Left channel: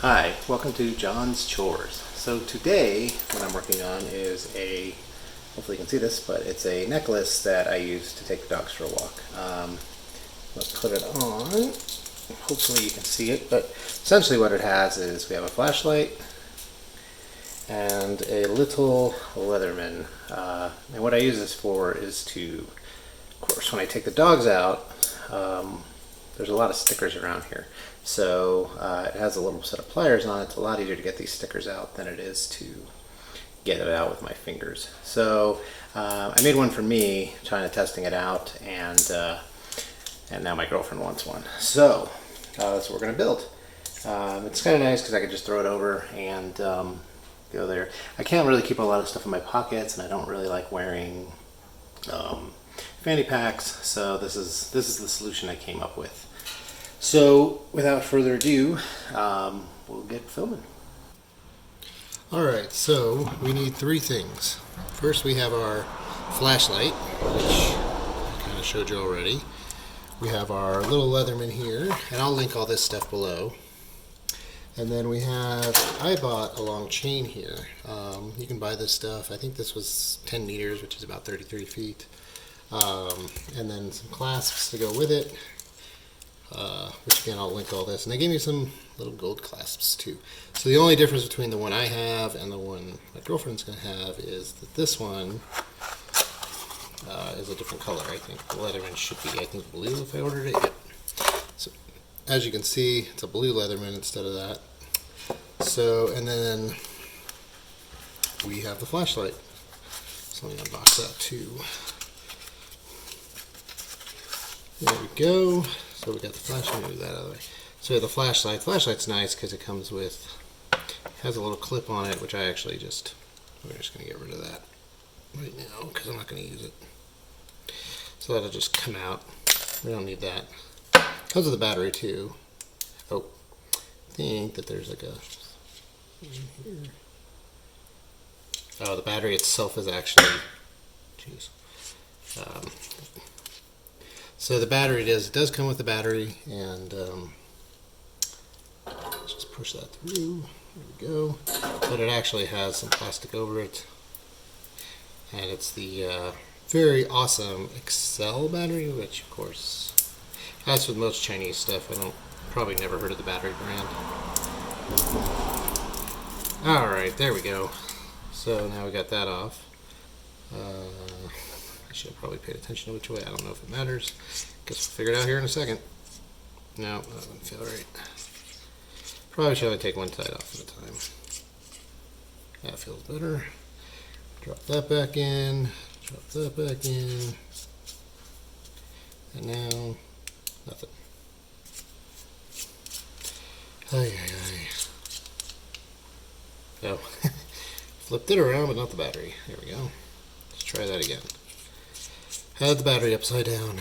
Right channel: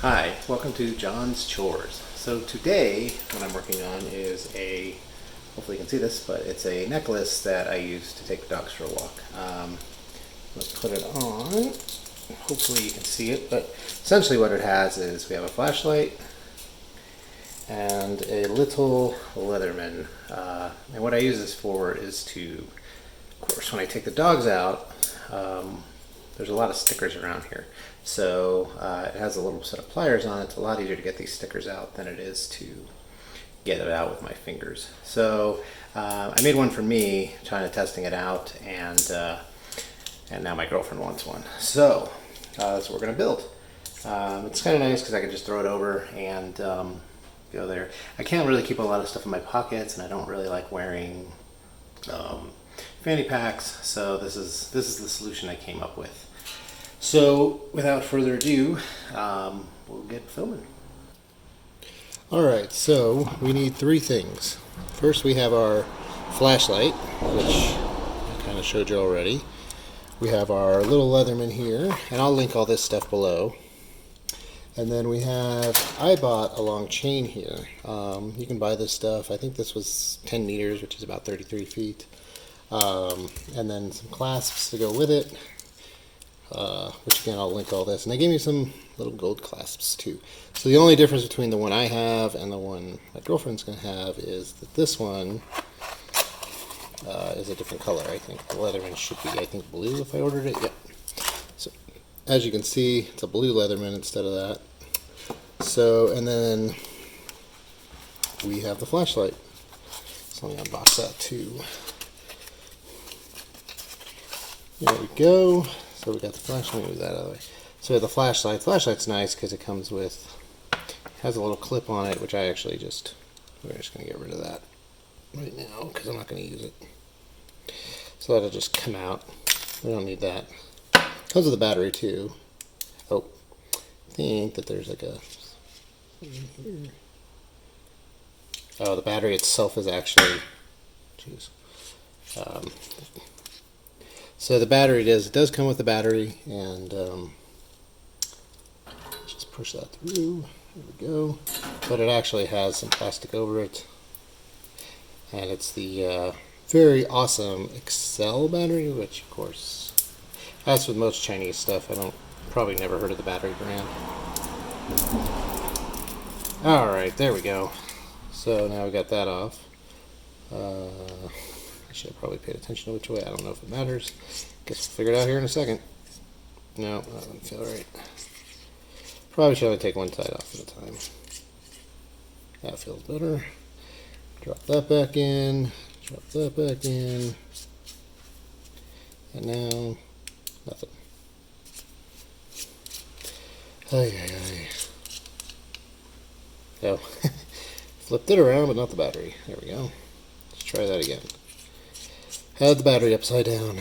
Hi, welcome to John's Chores. So today what I'm working on is hopefully you can see this, but it's a necklace that I use to take the dogs for a walk. Let's put it on. Hopefully you can see it, but essentially what it has is we have a flashlight and a little Leatherman. And what I use this for is to, of course, when I take the dogs out, there's a lot of stickers around here. So it has a little set of pliers on it. It's a lot easier to get these stickers out than it is to get it out with my fingers. So I made one for me, trying to testing it out, and now my girlfriend wants one. So that's what we're gonna build. It's kind of nice because I can just throw it over and go there. I can't really keep a lot of stuff in my pockets, and I don't really like wearing fanny packs, so this is the solution I came up with. So without further ado, we'll get filming. Alright, so we need three things. First we have our flashlight, which I kind of showed you already. We have our little Leatherman here, and I'll link all this stuff below. And then I bought a long chain here. You can buy this stuff. I think this was 10 meters, which is about 33 feet. And then some clasps to go with it, which again I'll link all this. And they gave me some little gold clasps too. So the only difference between the one I have and the one my girlfriend's going to have is that this one is a different color. I think the Leatherman should be, I think, blue if I ordered it. Yep. So as you can see, it's a blue Leatherman instead of that. So, and then we have the flashlight. So let me unbox that too. There we go. So we got the flashlight. Move that other way. So we have the flashlight. Flashlight's nice because it comes with, has a little clip on it, which we're just going to get rid of that right now because I'm not going to use it. So that'll just come out. We don't need that. Comes with a battery too. Oh, I think that there's like a. Oh, the battery itself is actually. Jeez. So the battery does come with the battery, and let's just push that through. There we go. But it actually has some plastic over it, and it's the very awesome Excel battery, which of course, that's with most Chinese stuff. Probably never heard of the battery brand. All right, there we go. So now we got that off. I should have probably paid attention to which way. I don't know if it matters. Guess we'll figure it out here in a second. No, that doesn't feel right. Probably should only take one side off at a time. That feels better. Drop that back in. Drop that back in. And now, nothing. Ay, ay, ay. So, flipped it around, but not the battery. There we go. Let's try that again. Had the battery upside down.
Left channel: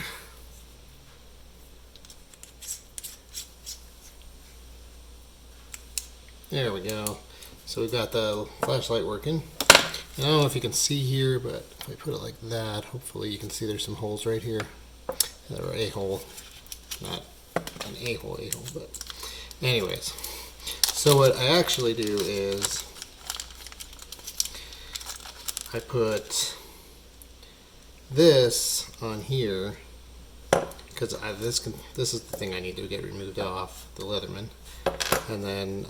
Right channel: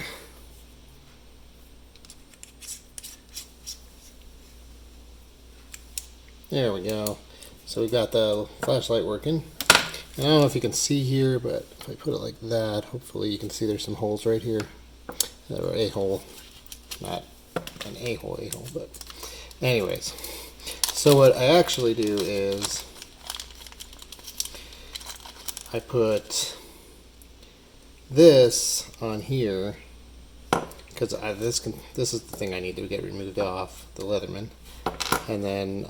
There we go. So we've got the flashlight working. And I don't know if you can see here, but if I put it like that, hopefully you can see there's some holes right here. Or a hole. Not an a-hole, but anyways. So what I actually do is I put this on here because this is the thing I need to get removed off the Leatherman, and then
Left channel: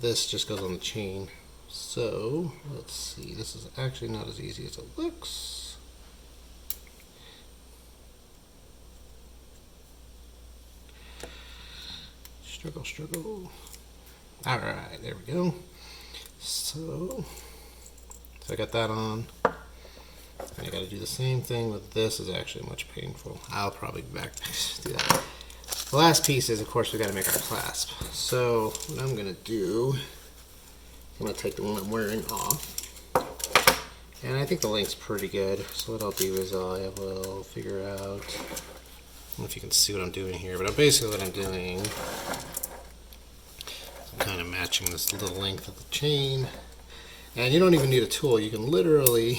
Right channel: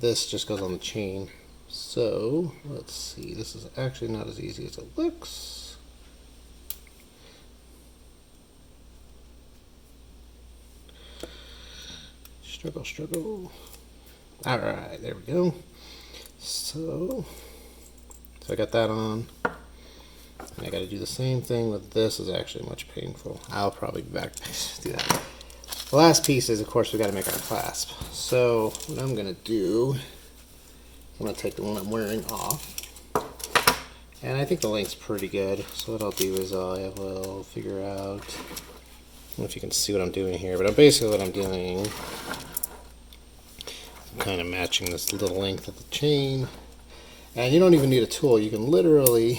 this just goes on the chain. So let's see, this is actually not as easy as it looks. Struggle. All right, there we go. So I got that on. And I got to do the same thing with this. Is actually much painful. I'll probably be back to do that. The last piece is, of course, we got to make our clasp. So what I'm going to do, I'm going to take the one I'm wearing off. And I think the length's pretty good. So what I'll do is I will figure out, I don't know if you can see what I'm doing here, but basically what I'm doing, I'm kind of matching this little length of the chain. And you don't even need a tool. You can literally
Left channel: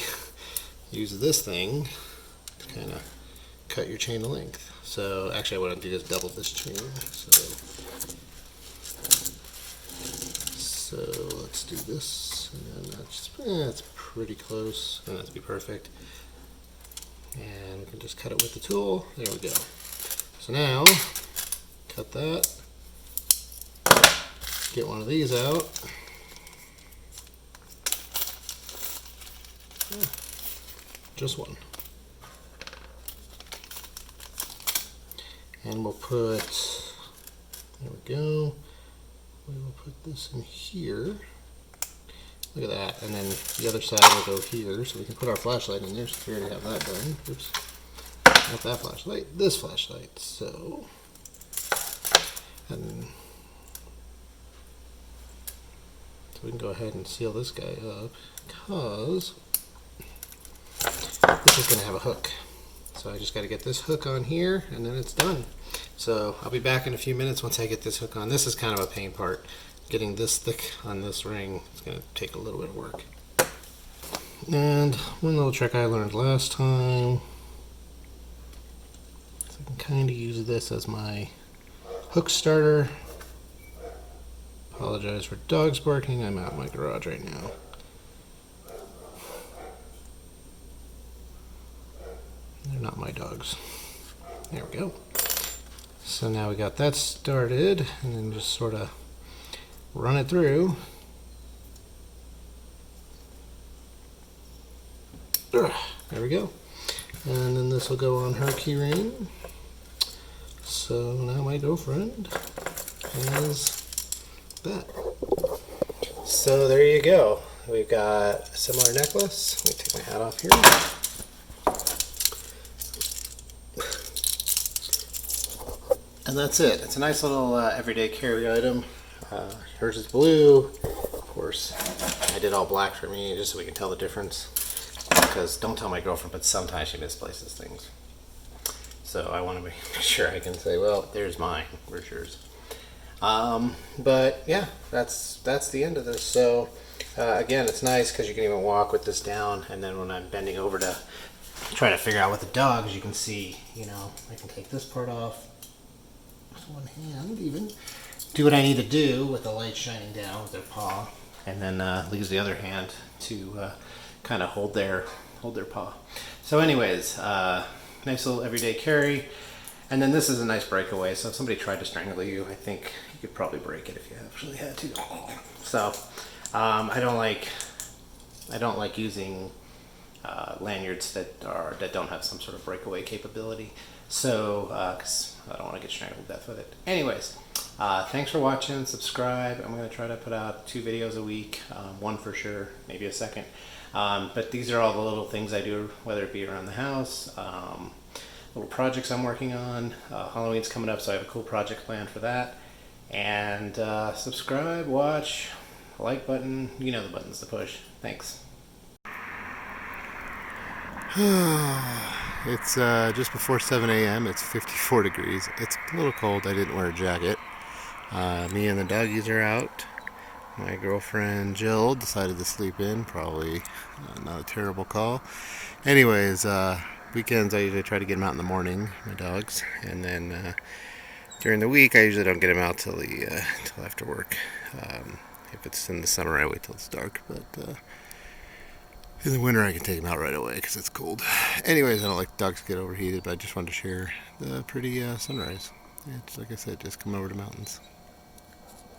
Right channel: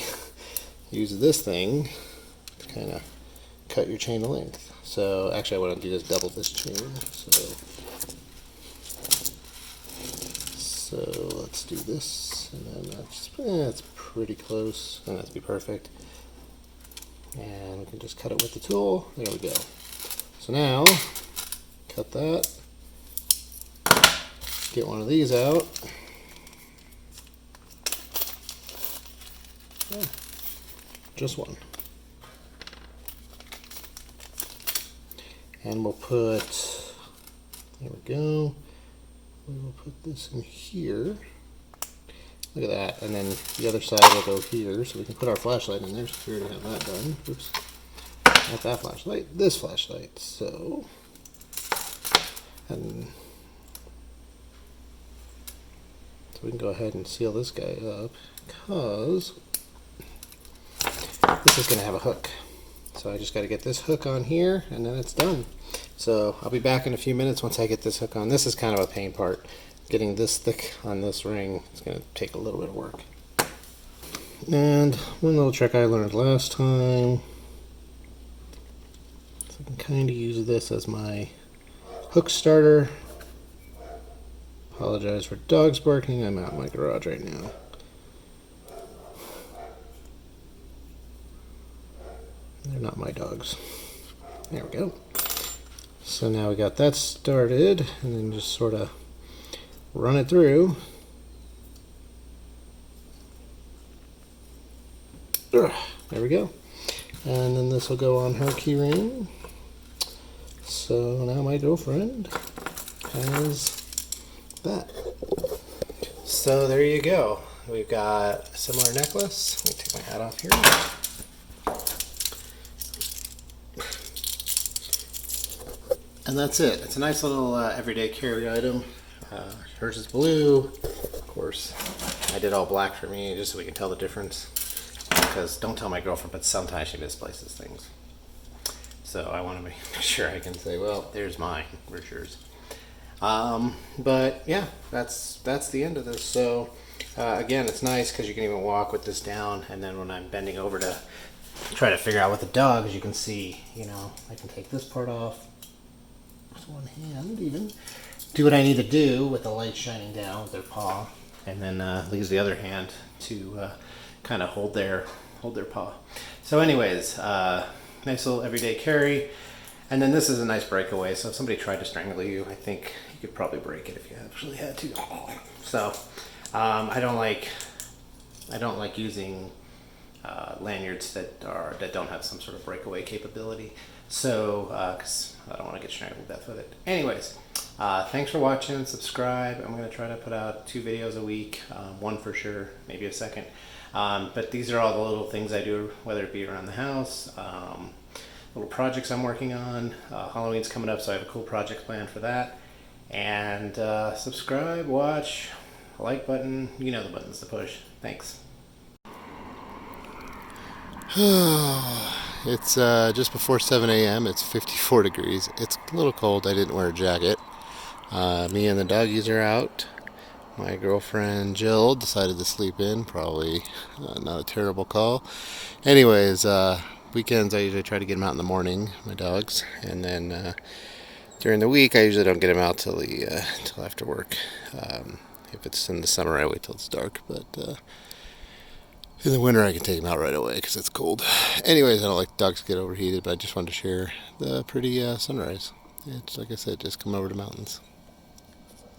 use this thing to kind of cut your chain length. So actually what I want to do is double this chain. So So let's do this, and then that's pretty close. Doesn't have to be perfect. And we can just cut it with the tool. There we go. So now, cut that. Get one of these out. Oh, just one. And we'll put, there we go. We will put this in here. Look at that. And then the other side will go here, so we can put our flashlight in there. So we already have that done. Oops. Not that flashlight, this flashlight. So, and so we can go ahead and seal this guy up because this is going to have a hook. So I just got to get this hook on here and then it's done. So I'll be back in a few minutes once I get this hook on. This is kind of a pain part. Getting this thick on this ring is going to take a little bit of work. And one little trick I learned last time. So I can kind of use this as my hook starter. Apologize for dogs barking. I'm out in my garage right now. They're not my dogs. There we go. So now we got that started, and then just sort of run it through. There we go. And then this will go on her key ring. So now my girlfriend has that. So there you go. We've got a similar necklace. Let me take my hat off here. And that's it. It's a nice little everyday carry item. Hers is blue. Of course, I did all black for me just so we can tell the difference. Because don't tell my girlfriend, but sometimes she misplaces things. So I want to make sure I can say, well, there's mine. Where's yours? But yeah, that's the end of this. So again, it's nice because you can even walk with this down. And then when I'm bending over to try to figure out what the dog, as you can see, you know, I can take this part off. One hand even, do what I need to do with the light shining down with their paw, and then leaves the other hand to kind of hold their paw. So anyways, nice little everyday carry. And then this is a nice breakaway, so if somebody tried to strangle you, I think you could probably break it if you actually had to. So I don't like using lanyards that don't have some sort of breakaway capability. So, because I don't want to get strangled to death with it. Anyways, thanks for watching. Subscribe. I'm going to try to put out 2 videos a week. One for sure, maybe a second. But these are all the little things I do, whether it be around the house, little projects I'm working on. Halloween's coming up, so I have a cool project planned for that. And subscribe, watch, like button. You know the buttons to push. Thanks. It's just before 7 a.m. It's 54 degrees. It's a little cold. I didn't wear a jacket. Me and the doggies are out. My girlfriend Jill decided to sleep in. Probably not a terrible call. Anyways, weekends I usually try to get them out in the morning, my dogs. And then during the week I usually don't get them out till after work. If it's in the summer I wait till it's dark. But in the winter, I can take them out right away because it's cold. Anyways, I don't like dogs to get overheated, but I just wanted to share the pretty sunrise. It's like I said, just come over to the mountains.